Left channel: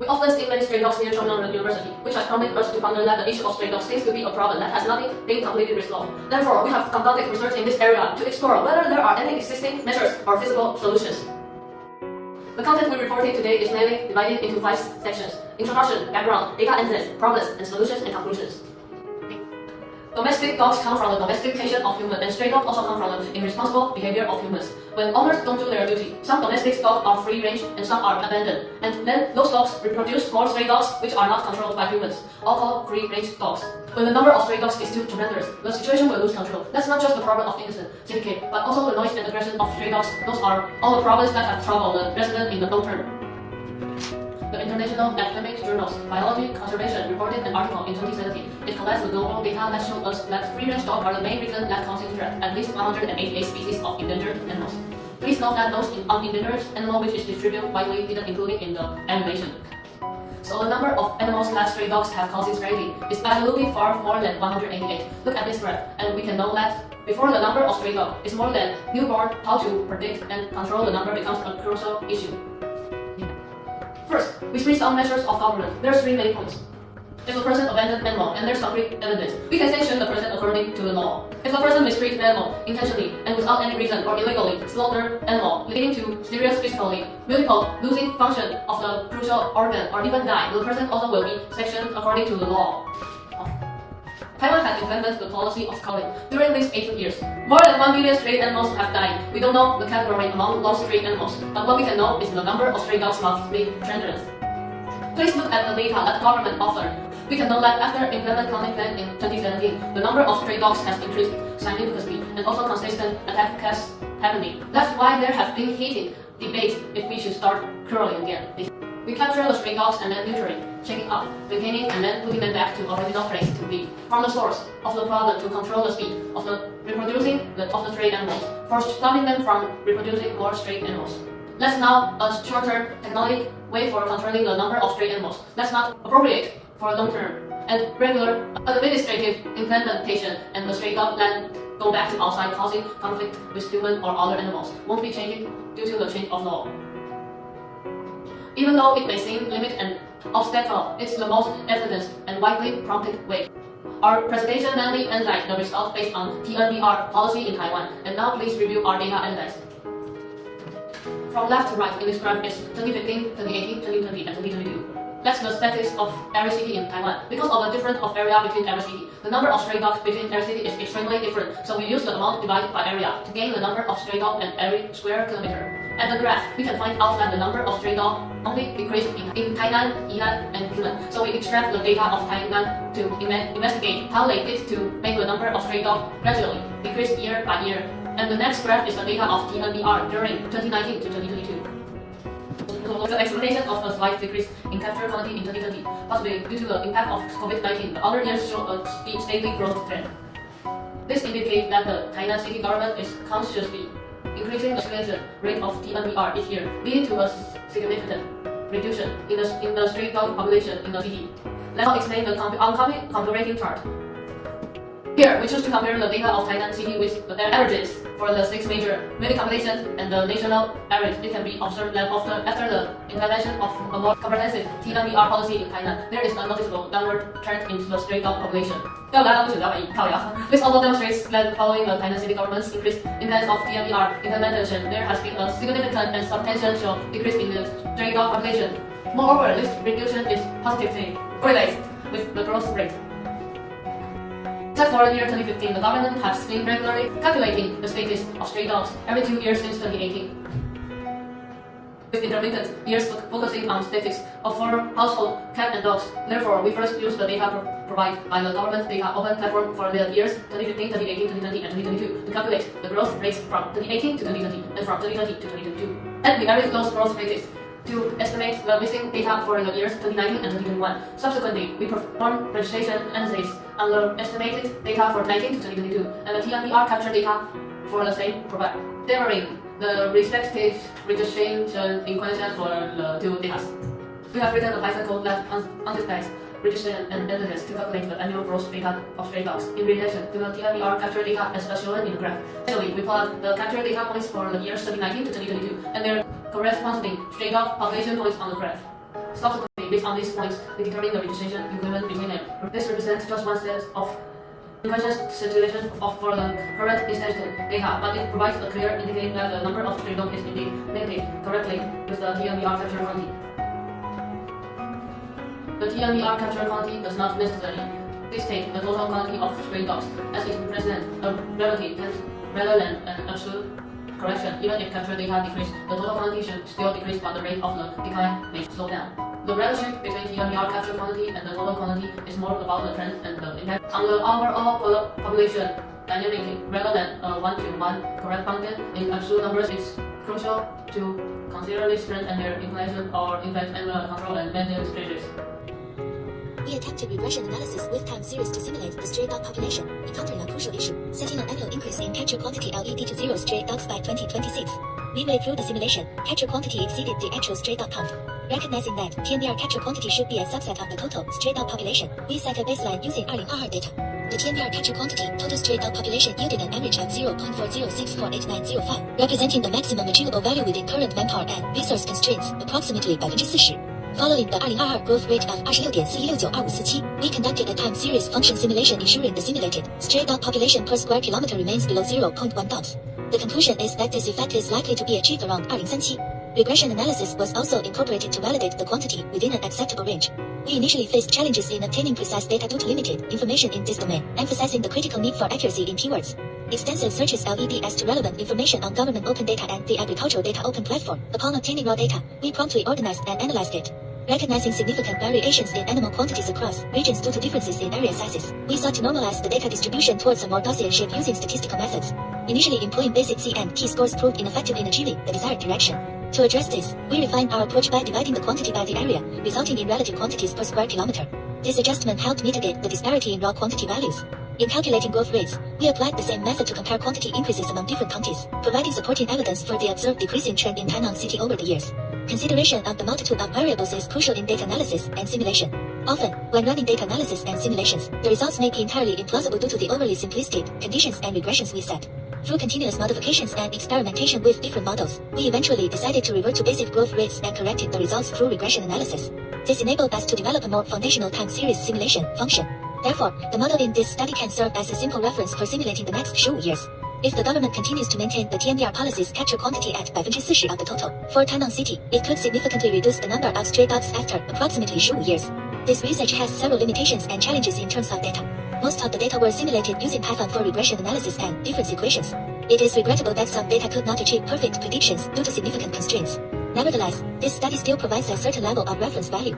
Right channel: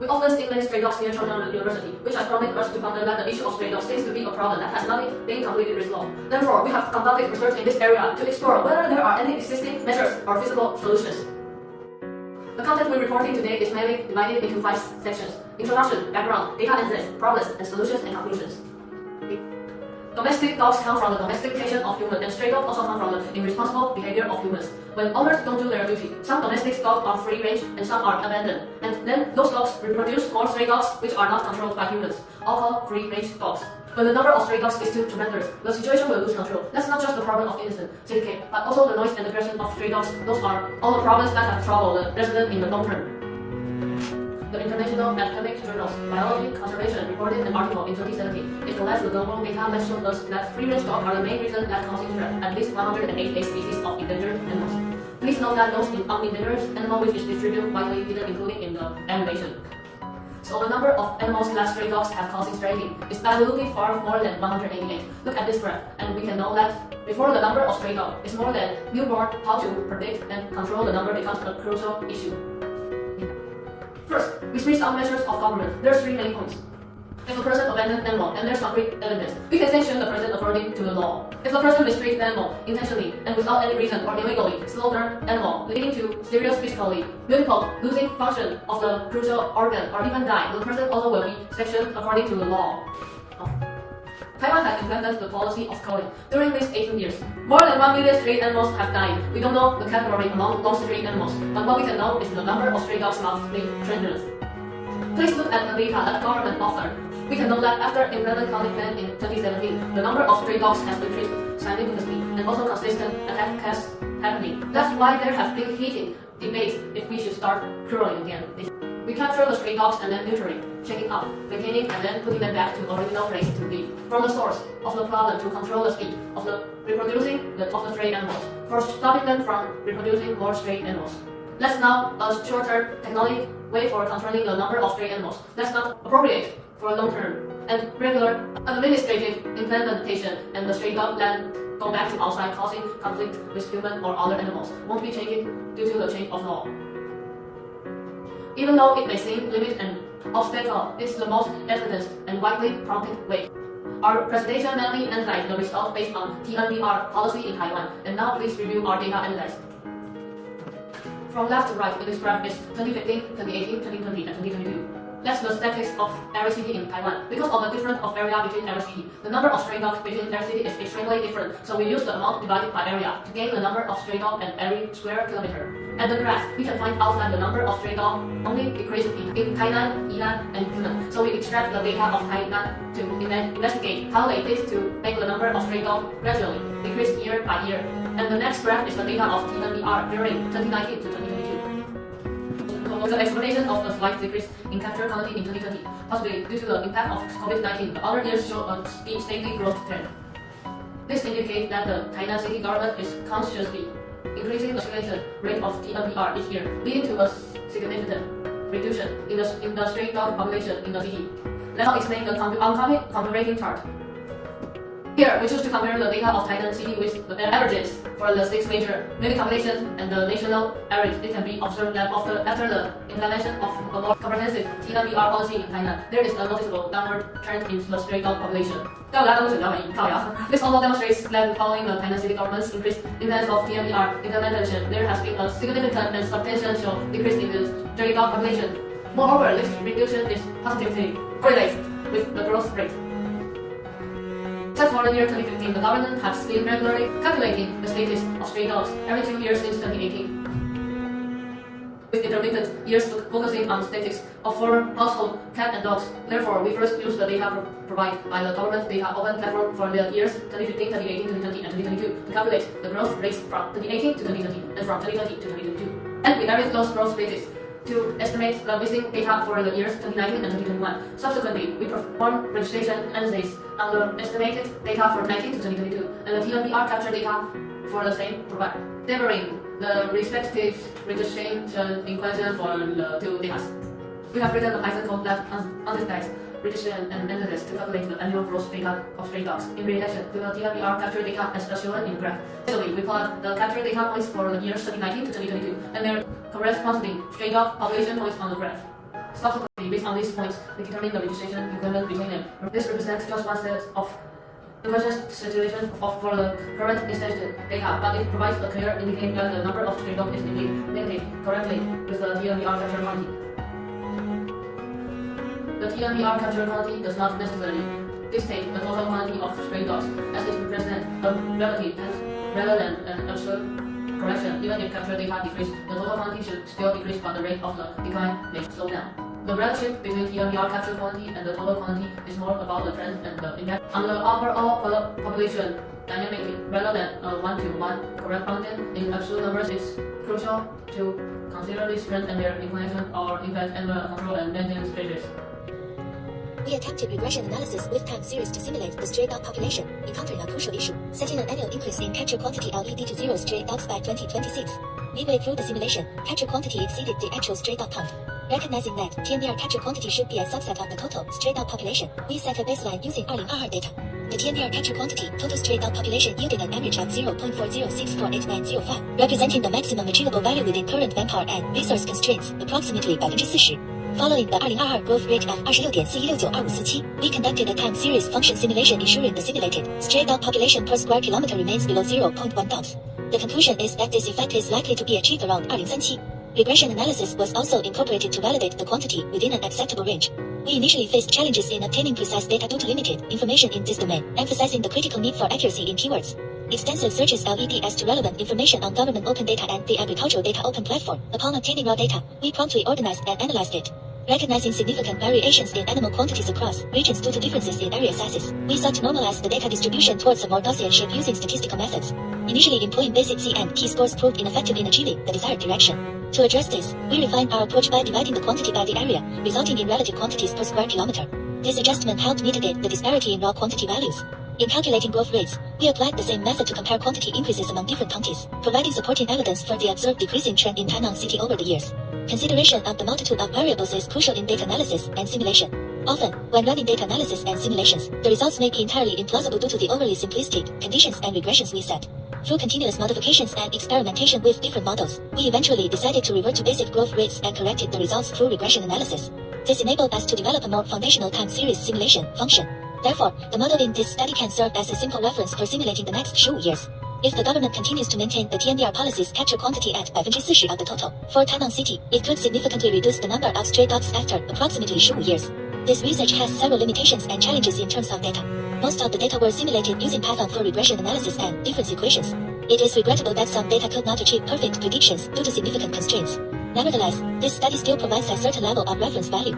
We often see many stray dogs near Chongqing University, which has prompted us to ponder that the issue of stray dogs seems to be a problem that has not been completely resolved. Therefore, we have conducted research in this area to explore whether there are any existing measures or feasible solutions. The content we're reporting today is mainly divided into 5 sections: introduction, background, data analysis, problems, and solutions and conclusions. Domestic dogs come from the domestication of humans, and stray dogs also come from the irresponsible behavior of humans. When owners don't do their duty, some domestic dogs are free range and some are abandoned, and then those dogs reproduce more stray dogs which are not controlled by humans, all called free range dogs. When the number of stray dogs is too tremendous, the situation will lose control. That's not just the problem of innocent CK, but also the noise and aggression of stray dogs. Those are all the problems that have troubled the resident in the long term. The International Academic Journal's Biology Conservation reported an article in 2017. It collects the global data that shows us that free-range dogs are the main reason that causing threat at least 188 species of endangered animals. Please note that those unendangered animal which is distributed widely didn't include in the animation. So the number of animals that stray dogs have causing strategy is absolutely far more than 188. Look at this graph, and we can know that before the number of stray dogs is more than newborn, how to predict and control the number becomes a crucial issue. First, we see some measures of government. There are 3 main points. If a person abandons an animal and there's concrete evidence, we can sanction the person according to the law. If a person mistreats an animal intentionally and without any reason or illegally slaughter an animal, leading to serious physically, medical, losing function of the crucial organ, or even die, the person also will be sanctioned according to the law. Taiwan has implemented the policy of culling. During these 18 years, more than 1 million stray animals have died. We don't know the category among lost stray animals, but what we can know is the number of stray dogs lost being tremendous. Please look at the data that the government authored. We can know that after implementing culling plan in 2017, the number of stray dogs has decreased significantly, and also consistent attack cases happening. That's why there have been heated debates if we should start culling again. We capture the stray dogs and then neutering, checking up, maintaining, and then putting them back to original place to be from the source of the problem to control the speed of the reproducing of the stray animals, for stopping them from reproducing more stray animals. That's now a shorter technology way for controlling the number of stray animals. That's not appropriate for long term and regular administrative implementation, and the stray dog land go back to outside, causing conflict with human or other animals won't be changing due to the change of law. Even though it may seem limited and obstacle, it's the most evidence and widely prompted way. Our presentation mainly analyzed the results based on TNBR policy in Taiwan, and now please review our data analysis. From left to right in this graph is 2015, 2018, 2020, and 2022. That's the statistics of every city in Taiwan. Because of the difference of area between every city, the number of stray dogs between every city is extremely different, so we use the amount divided by area to gain the number of stray dogs in every square kilometer. At the graph, we can find out that the number of stray dogs only decreased in Tainan, Yilan, and Yunnan. So we extract the data of Tainan to investigate how they did to make the number of stray dogs gradually decrease year by year. And the next graph is the data of TNBR during 2019 to 2022. The explanation of a slight decrease in capture quality in 2020, possibly due to the impact of COVID-19. The other years show a steady growth trend. This indicates that the Tainan city government is consciously increasing the circulation rate of TNBR each year, leading to a significant reduction in the stray dog population in the city. Let's now explain the oncoming comparative chart. Here, we choose to compare the data of Tainan city with the averages for the 6 major populations and the national average. It can be observed that after the implementation of a more comprehensive TNBR policy in Tainan, there is a noticeable downward trend in the stray dog population. This also demonstrates that following the Tainan city government's increased impact of TNBR implementation, there has been a significant and substantial decrease in the stray dog population. Moreover, this reduction is positively correlated with the growth rate. Except for the year 2015, the government has been regularly calculating the status of stray dogs every 2 years since 2018. With intermittent years focusing on statistics of 4 household cats and dogs. Therefore, we first use the data provided by the government data open platform for the years 2015, 2018, 2020, and 2022 to calculate the growth rates from 2018 to 2020 and from 2020 to 2022. And we added those growth rates to estimate the missing data for the years 2019 and 2021. Subsequently, we perform registration analysis on the estimated data for 19 to 2022 and the TNBR capture data for the same provider, favoring the respective registration equation for the 2 data. We have written a Python code that understands registration and analysis to calculate the annual growth data of stray dogs in relation to the TNBR capture data as shown in the graph. Actually, we plot the capture data points for the years 2019 to 2022 and their corresponding stray dog population points on the graph. Subsequently, Based on these points, we determine the registration equivalent between them. This represents just one set of inverse situation for the current instance data, but it provides a clear indicating that the number of stray dogs is indeed linked correctly with the TNVR capture quantity. The TNVR capture quantity does not necessarily dictate the total quantity of stray dogs, as it represents a relative tense rather than an absolute correction. Even if capture data decrease, the total quantity should still decrease, but the rate of the decline may slow down. The relationship between TNVR capture quantity and the total quantity is more about the trend and the impact on the overall population dynamic rather than a one-to-one correspondence in absolute numbers. It's crucial to consider this trend and their inclination or impact and the control and maintenance stages. We attempted regression analysis with time series to simulate the stray dog population, encountering a crucial issue, setting an annual increase in capture quantity LED to 0 stray dogs by 2026. Midway through the simulation, capture quantity exceeded the actual stray dog count. Recognizing that TNVR capture quantity should be a subset of the total stray dog population, we set a baseline using 2022 data. The TNVR capture quantity total stray dog population yielded an average of 0.40648905, representing the maximum achievable value within current manpower and resource constraints, approximately 40%. Following the 2022 growth rate of 26.41692547, we conducted a time series function simulation ensuring the simulated stray dog population per square kilometer remains below 0.1 dogs. The conclusion is that this effect is likely to be achieved around 2037. Regression analysis was also incorporated to validate the quantity within an acceptable range. We initially faced challenges in obtaining precise data due to limited information in this domain, emphasizing the critical need for accuracy in keywords. Extensive searches led us to relevant information on government open data and the agricultural data open platform. Upon obtaining raw data, we promptly organized and analyzed it. Recognizing significant variations in animal quantities across regions due to differences in area sizes, we sought to normalize the data distribution towards a more Gaussian shape using statistical methods. Initially employing basic C and T scores proved ineffective in achieving the desired direction. To address this, we refined our approach by dividing the quantity by the area, resulting in relative quantities per square kilometer. This adjustment helped mitigate the disparity in raw quantity values. In calculating growth rates, we applied the same method to compare quantity increases among different counties, providing supporting evidence for the observed decreasing trend in Tainan City over the years. Consideration of the multitude of variables is crucial in data analysis and simulation. Often, when running data analysis and simulations, the results may be entirely implausible due to the overly simplistic conditions and regressions we set. Through continuous modifications and experimentation with different models, we eventually decided to revert to basic growth rates and corrected the results through regression analysis. This enabled us to develop a more foundational time series simulation function. Therefore, the model in this study can serve as a simple reference for simulating the next 15 years. If the government continues to maintain the TNVR policy's capture quantity at 40% of the total for Tainan City, it could significantly reduce the number of stray dogs after approximately 15 years. This research has several limitations and challenges in terms of data. Most of the data were simulated using Python for regression analysis and difference equations. It is regrettable that some data could not achieve perfect predictions due to significant constraints. Nevertheless, this study still provides a certain level of reference value.